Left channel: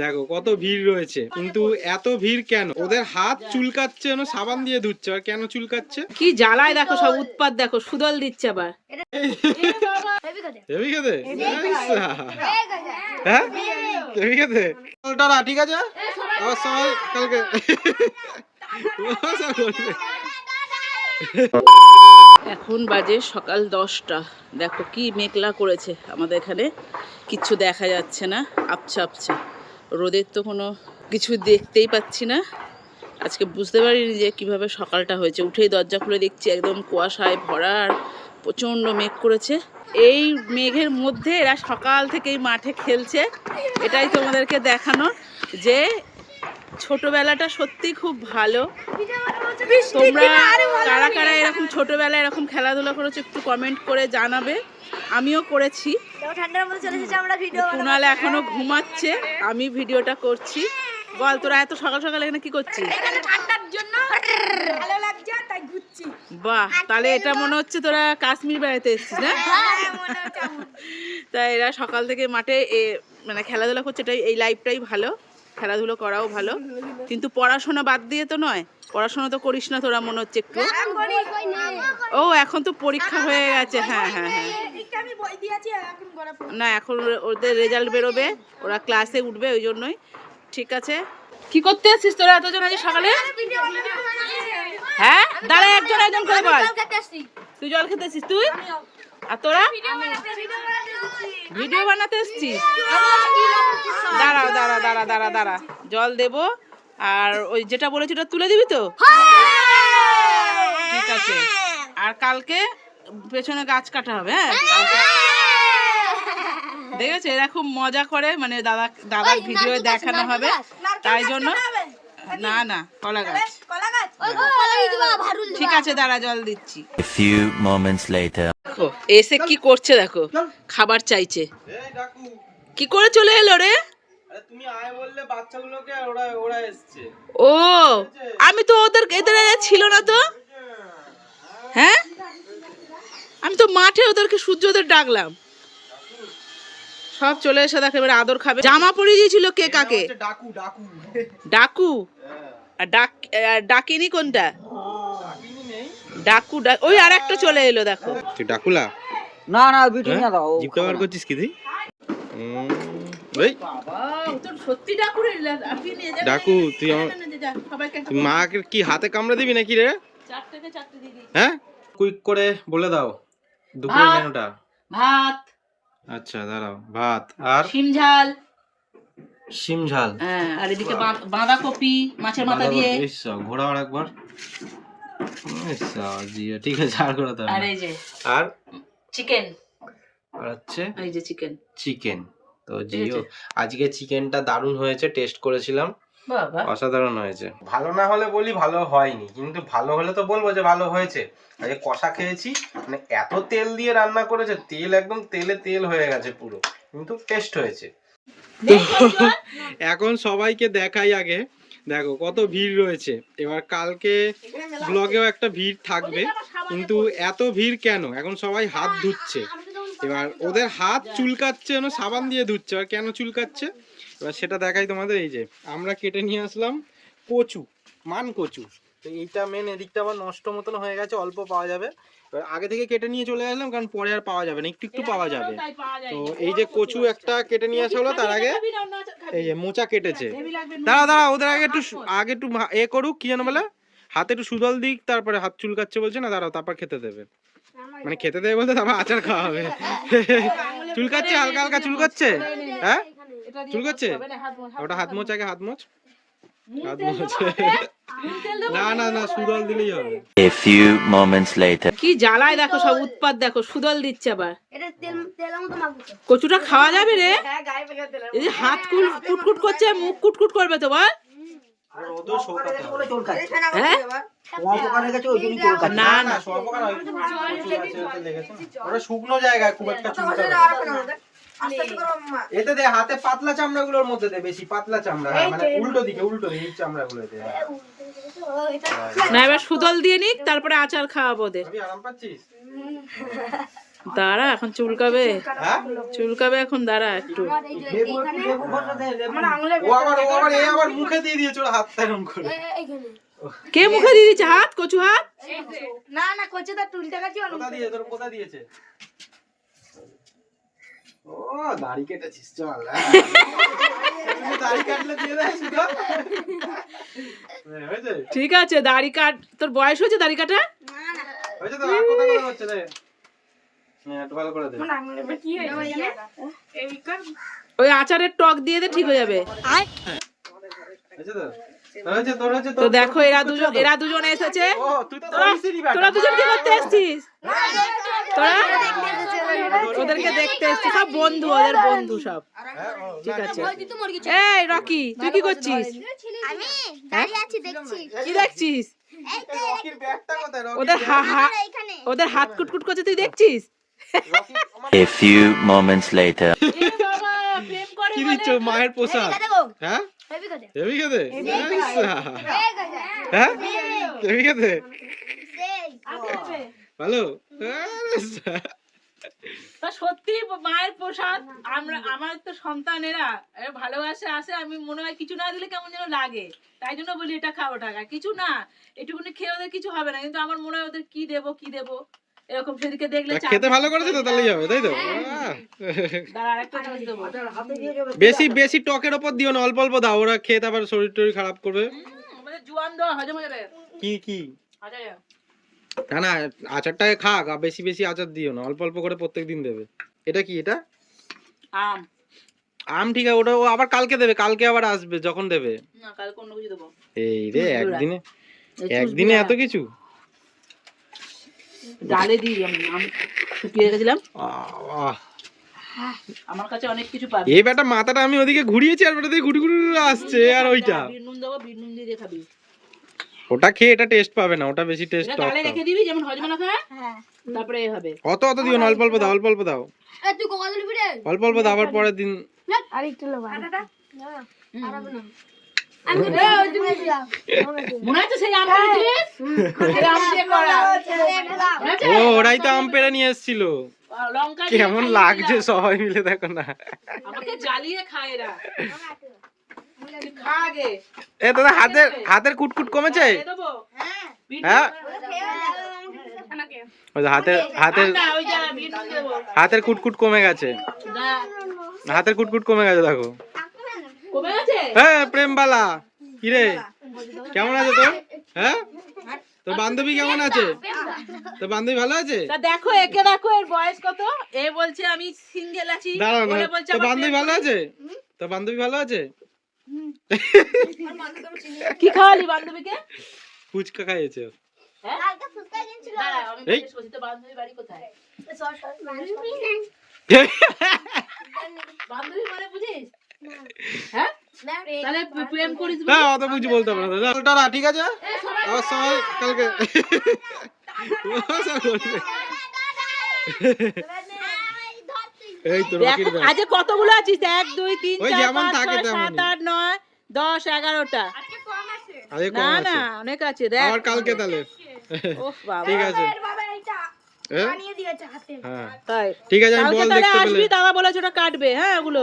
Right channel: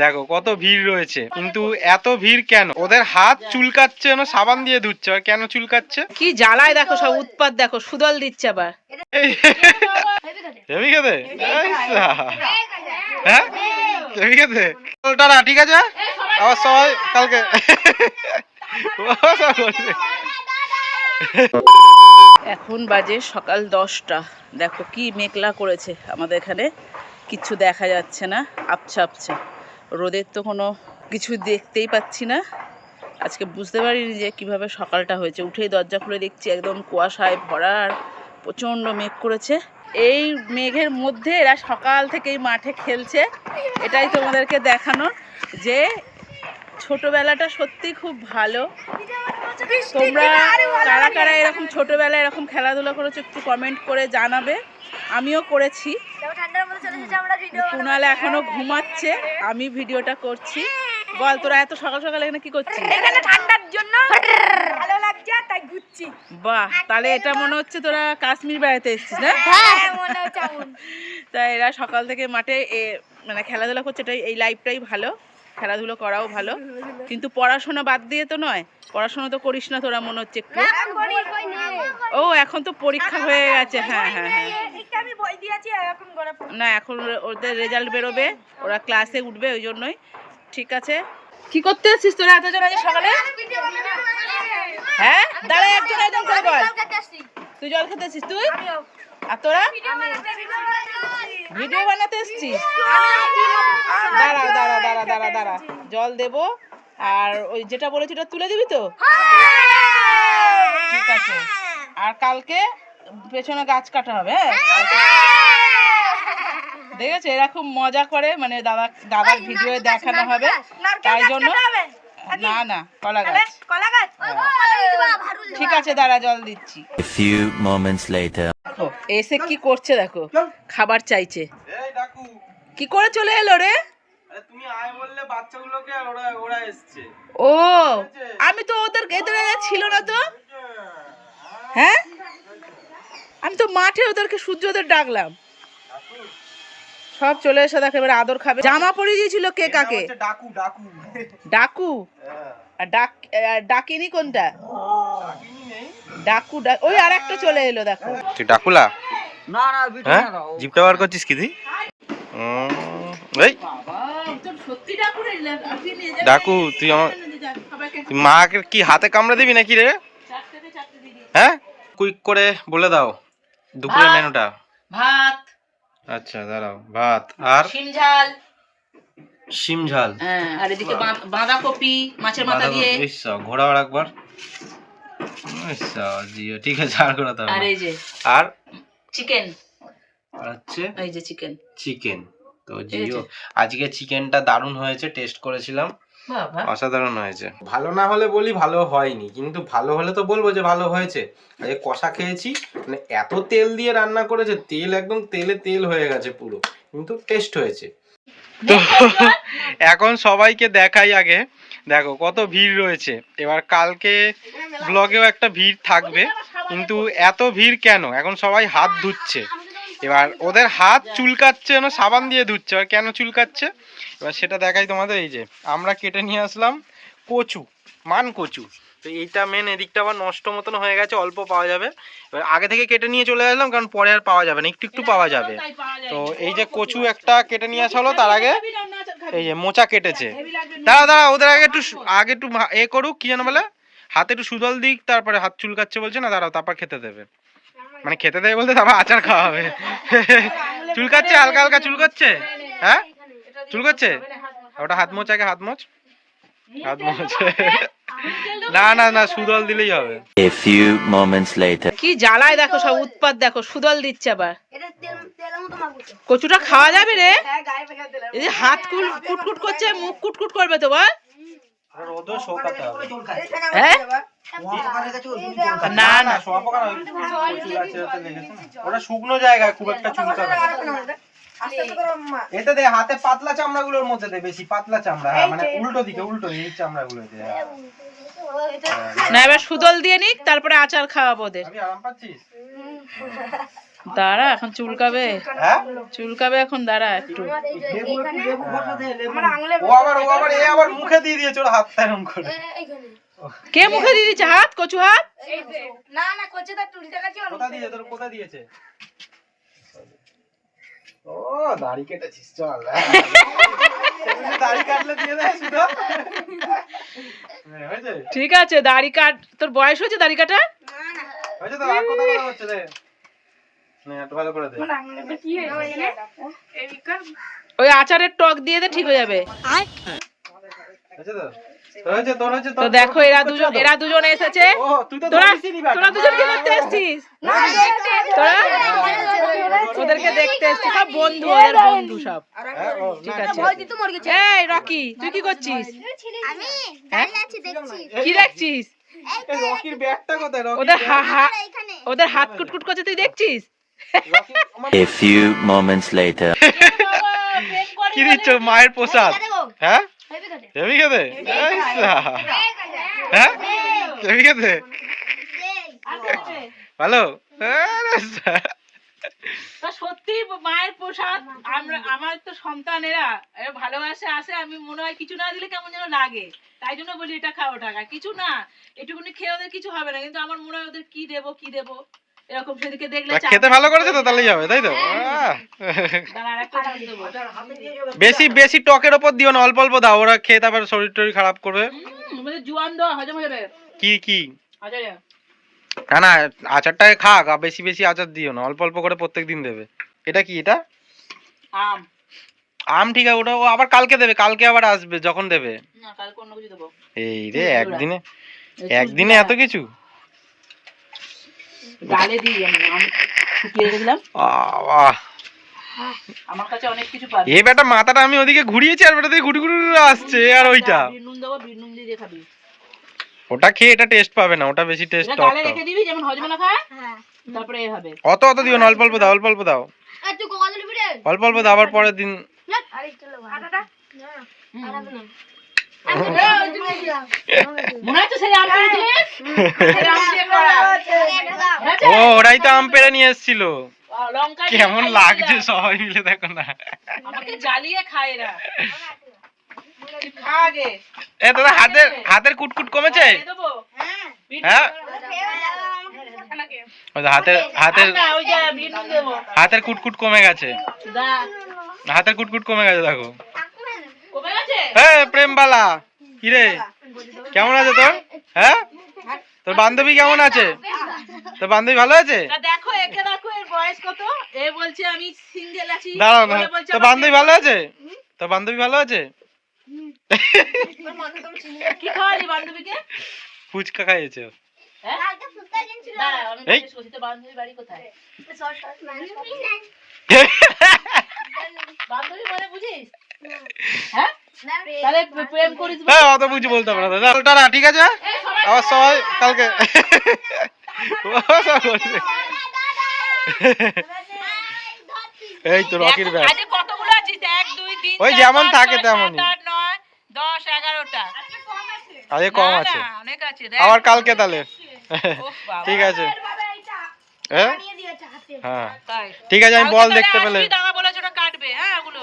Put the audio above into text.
দেখো কত ভিড় রয়েছে। কিন্তু এত ভিড় কেন? ওদের হাত চুলকাচ্ছে না সাবান দিয়ে ধুচ্ছে আর কেন চুলকাচ্ছে? কি জ্বালায় দেখো সব উৎপাত দেখো সুদল দিচ্ছে আবার। খেতে? হ্যাঁ? টাটা ঠিক আছে? আবার সবাই কালকে এখন বাজে সকাল দশটা। দেখো কি মেঘলা করেছে আমাদের এখানে। কিচ্ছু দেখা যাচ্ছে না আবছা আবছা। রোদের তো কোনো কিছু দেখতেই পাচ্ছি না। আজকে বুঝতে পারিনি যে কীভাবে সকালটা হয়েছে। উঠেই দরজা খুলে দেখছি একদম কুয়াশায় ভরা আর প্রচণ্ড মেঘ করেছে। এই মেঘের মধ্যে এরা সকাল থেকেই মাঠে খেলছে। এটাই তোমাদেরকে দেখানো যে ছোটবেলাটা সত্যি খুব ভালো। তোমরা কারা কারা এরকম ছোটবেলায় এরকম খেলাধুলা করেছ একটু কমেন্ট করে জানাবে। আমিও করেছি। ঠান্ডার মধ্যে চলে এসেছে আমরা ভিডিও কুণাল এখনও ঘুমাচ্ছে আমি ভিডিওটা করছি। বল তোরা এত সকাল সকাল এখানে কি করছিস? এখানে ঠান্ডার জন্য ভালো লাগছে তাই ঘুরছি। বাহ তাহলে এটা মনে হচ্ছে তোরা কাশ্মীর বেড়াতে এসেছিস না? হ্যাঁ মনে হচ্ছে এমন। তা এরা সকাল থেকে মাঠে মানে খেলাধুলা করছে এটাই এই লাইফটাই ভালো। খেলাধুলো করাও ভালো। কিন্তু পড়াশোনা বাদ দিয়ে তো নয়। পড়াশোনা তো করিস না তোরা মনে হচ্ছে একটু। ও এখন তো পরীক্ষা হয়ে গেছে। হ্যাঁ হ্যাঁ হ্যাঁ। না এখন ওদের রেজাল্ট বেরোবে। ওরা ক্লাসে উঠবে ওই জন্যই। ঠিক আছে? কি করতে এসেছিস তোরা এতজন আজ সকালে? হ্যাঁ? দাঁড়া একজন একজন করে বল। তুই জল খেতে এসেছিস তুই? আর তোরা? ভিডিও বানাতে এসেছিস? দাঁড়া দাঁড়া দাঁড়া দাঁড়া দাঁড়া। জল দেবো আর ওই যেটা বলেছি ওটা তুলে দিবি তো? ঠিক আছে। আর কালকে পেছনে গাছ কাটা হবে হ্যাঁ? কালকে- দেখেছ? এরা খুব মজা করে মানে দাদা দাদার ভিডিও দেখানো হবে। তাই জন্য না না কলা গাছ। ঠিক আছে দাঁড়া জল দিচ্ছি। Few moments later. দেখো এসে কি করছে দেখো খাবার চাইছে। কি করে চলে এলো রে? তুমি আয় বললে বাচ্চাগুলোকে ওরা ওরা এসছে। ও আমি তো ওদের এদের ছিল না তো। হ্যাঁ? আমি তো মাঠে ওদেরকে সূর্য ওদের ডাকলাম। সব চলে এসে দেখো এবার আদর খাবে। জামা পরিয়ে দিয়েছিল কে কাকে? ডাকু ডাকু। ডাকু? হ্যাঁ। ডাক ডাকিনি কোনটা? ডাকু ডাক ওই আর একটা চলে এলো দেখো। তুই ডাকুলা? না না বিটু হ্যাঁ? না দাও জিপটা বার করছিস কি তুই? এই। ডাকু ডাকু তুই আমার মাকে কি হাতে কামড়ে দিবি নাকি রে? হ্যাঁ? কুইক করে বলে দাও দুপুরের ভাত। মেনুটা। ভাত। আচ্ছা দাঁড়াও ভাত। আর? শিম ঝাল। শিম ঝাল। হ্যাঁ আর এদিকে বাঁধাকপি মাছের মাথা দিয়ে। ইস, ঘোরা আর একবার। ইস, জিও, ঠিক আছে আর ঘোরাতে হবে আর এই যে আর? চিকেন। আর হচ্ছে? এই যে চিকেন। চিকেন। তো জিও আজকে চিকেনটা দারুণ হয়েছে টেস্ট করেছিলাম। অসাধারণ হয়েছে। ভালো না হলে বলি ভালো হয়নি কিন্তু ভালো হলে তো বলব যে ভালো হয়েছে। আজকে কষা খেয়েছি মানে এত তেল দিয়ে রান্না করেছে তেল একদম তেলে তেল হয়ে গেছে পুরো কিন্তু টেস্ট হয়েছে। তো এখন সবাইকে দেখাই আগে। দেখো, কত ভিড় রয়েছে। এবার কালকে ব্লগেও একটা ভিড় থাকবে। কিন্তু এত ভিড় কেন? এখন সবাই হাত ধুচ্ছে। এবার ওদের হাত চুলকাচ্ছে না, সাবান দিয়ে ধুচ্ছে। আর কেন চুলকাচ্ছে? এবার সেটা দেখাই তোমাদের। এই যে, আমরা কেটে নিয়ে আসলাম কচু, মান কচু। তো এইটা মেন এদিকটা আবার নষ্ট মতন হয়ে গেছে, অল্প পাওয়া যাবে। এবার আগে থেকে কেটে নিয়ে চলে আসলাম, কারণ পরে আর পাওয়া যাবে না, একটু একটু পাওয়া যাবে। তো এই যে কচু একটা কেটে নিয়ে আসা হলো, তার আগে এই যে মোচা কেটেছে। দাঁড়া দাঁড়া ওদের আগে একটু আগে একটু এ করুক, কি যেন বলে? হাতে একটু সুদল দিক, তারপরে হাত চুলকাচ্ছে বলছে, না দাঁড়াও, তারপর খেতে দেবে। মানে খেতে দেবে বলতে তারপর আচার খাওয়া হবে। চুলকাচ্ছে, হালকা হালকা চুলকাচ্ছে? হ্যাঁ? চুলকাচ্ছে? ওটা হাত মোচ আগে হাত মোচ? হাত মোচ। না না না সুদল দিলেই হবে। এ ফিউ মোমেন্টস লেটার কি জ্বালায় দেখো সব উৎপাত দেখো সুদল দিচ্ছে আবার। কচুটা খাওয়া যাবে রে? হ্যাঁ এই যে হাত কুল কুটকুট করছে মুখ কুটকুট করবে তো বল। হ্যাঁ না। না ওটা শুকনো জায়গায় খুব একটা এতে দে হাতে পাতলা চামড়া গুলোর মধ্যে দে বেশি পাতলা চামড়া হ্যাঁ মানে উল্টো দিকে। উল্টো দিকে চামড়া গুলো দে। হ্যাঁ। না এবার সুদল দিয়ে নিক তারপরে আচার খাওয়াবো ওদের। আরাম পাচ্ছিস? দাঁড়া এখন চুলকাবে। হ্যাঁ? চুলকাবে এখন দাঁড়া একটু। আবার মুখে দিয়ে দিয়েছে এরকম করে। কে মুখে দিয়ে দিচ্ছে হাত কচু হাত? না না করছে তার টুলটা কাছে কোথা দিয়ে তোর কোথা দিয়েছে? ও দাড়ি কেটেছিস চল হ্যাঁ, ঠিক আছে দাড়ি কাট। তোর বয়স হয়েছে দাড়ি কাটা হয়েছে তো ওই আচারের টক দিয়ে দে ঠিক হয়ে যাবে তো দেখো এরা দুজন এরা দুজন এসেছে ও তুই তো তোরা। তোরা দুজন কি করতে এসছিস তোরা ওদেরকে দেখতে এসছিস সব বন্ধু ওদের বন্ধু সব হ্যাঁ, ঠিক আছে এই রকি তুই কি করছিস হ্যাঁ? কি দেখছিস এই তো রকির ব্যাগটা কোথায় রকি? ওদের হা হা ওদের হাত কুটকুট করছে তুই দেখছিস A few moments later. কি দিচ্ছ? মায়ের প্রসাদ। হ্যাঁ? হইবে খেতে হ্যাঁ? হেবি খেতে ভালো সত্যি মায়ের প্রসাদ আমরা আমার তো সন্তানেরা এরা ভালোবাসে আসে আমি মনে হয় কিছু না দিলে কেমন যেন লাগে। তাই জন্য বলি এটা খাও টাকা কিছু না এটুকুনি খেয়ে ওদের কিছু হবে না। কিন্তু আমার মনে হয় ওদের কি দেবো কি দেবো? এরকম সেদিকে দেখলে খেতে ভালো করেছে তো তাহলেই হবে তাই তো? দেবো। বেশি বেশি টকের ওপর দিও না অল্প অল্প দাও ওরা খেয়ে তারপর শরীর টরীর খারাপ করবে। জোয়ান দেওয়া হজম হয়ে যাবে। কি কি? না না আচারটাকে খাক আর বেশি বেশি আচার দিও না অল্প অল্প করে প্রত্যেক দিন দেবে। এটা কি এটা? আম। আম ঠিক আছে ওটা ও আবার কালকে দেবে কালকে আবার আসবে যখন দেবে। না কালকে অন্য কিছু দেবো। এই রে একদিনে একদিনে এত কিছু? ডালে দিই আমি শুকিয়ে আমার কাছে অনেক কিছু পাবে। এই বেটা মাথাটা আমি ওদিকে ঘুরিয়েছি আর বেটা দিয়ে ঘুরি ঘুরি আসছে আর ওইটা। বিট নুন দেবো বিট দিয়ে খাবি ওটা খেয়ে এটা টেস্ট পাবে না ওটা বেশি টেস্ট টক গালে রেখে দিবি যেমন হজম না খায়? হ্যাঁ। তারপরে হবে। অত অত দিও না অল্প অল্প দাও অল্প অল্প দাও। দিবি রে? অল্প অল্প দাও আবার পরের দিন। আর একটু লবণ। আটাটা? মনে ও ওরাই তো আম পেড়ে নিয়ে এসেছিল। কেমন লাগছে সবাই মিলে দেখো না। এ দাদা হাতের হাতের কুটকুট কমেছে? হ্যাঁ নুন ওই যে হাতের হাতের। হাতের কুটকুট কমে গেছে। হাতের কুটকুট কমে গেছে দেখো? হ্যাঁ প্রেমবালা। কিরে? কেমন আছে তোর? হ্যাঁ? তোর বান্ধবী কেমন আছে? তোর বান্ধবী ভালো আছে? তা দেখো একে দেখো এর বয়স কত? এ বলছে আমি সিঙ্গেল আছি। দাঁড়াও না তোর বান্ধবী ভালো আছে? তোর বান্ধবী ভালো আছে? কি খাওয়ালি বান্ধবীকে? ফুচকা খাইয়েছে। হ্যাঁ? এই। বাড়ি কোথায়? বান্ধবী মানে বুঝিস? হ্যাঁ? তাহলে প্রেম করিস হ্যাঁ। অত বুঝি বলতে না। দাদা টাটা ঠিক আছে? আবার সবাই কালকে। ও সব করছে। এই তো রকির ব্যাগ। আজকে কতগুলো আছিস? এক দুই তিন ওই যেমন থাকে ছয়, তেমনই। আট নয় দশ এগারোটা। আজকে কম আছে। অনেক আছে আবার কালকে তাহলে। ঠিক আছে। হ্যাঁ? হ্যাঁ। তাই। ঠিক আছে আমি বল দেখতে পেলে। দাদা বলেছে ওটা কাটবে হ্যাঁ ওগুলো।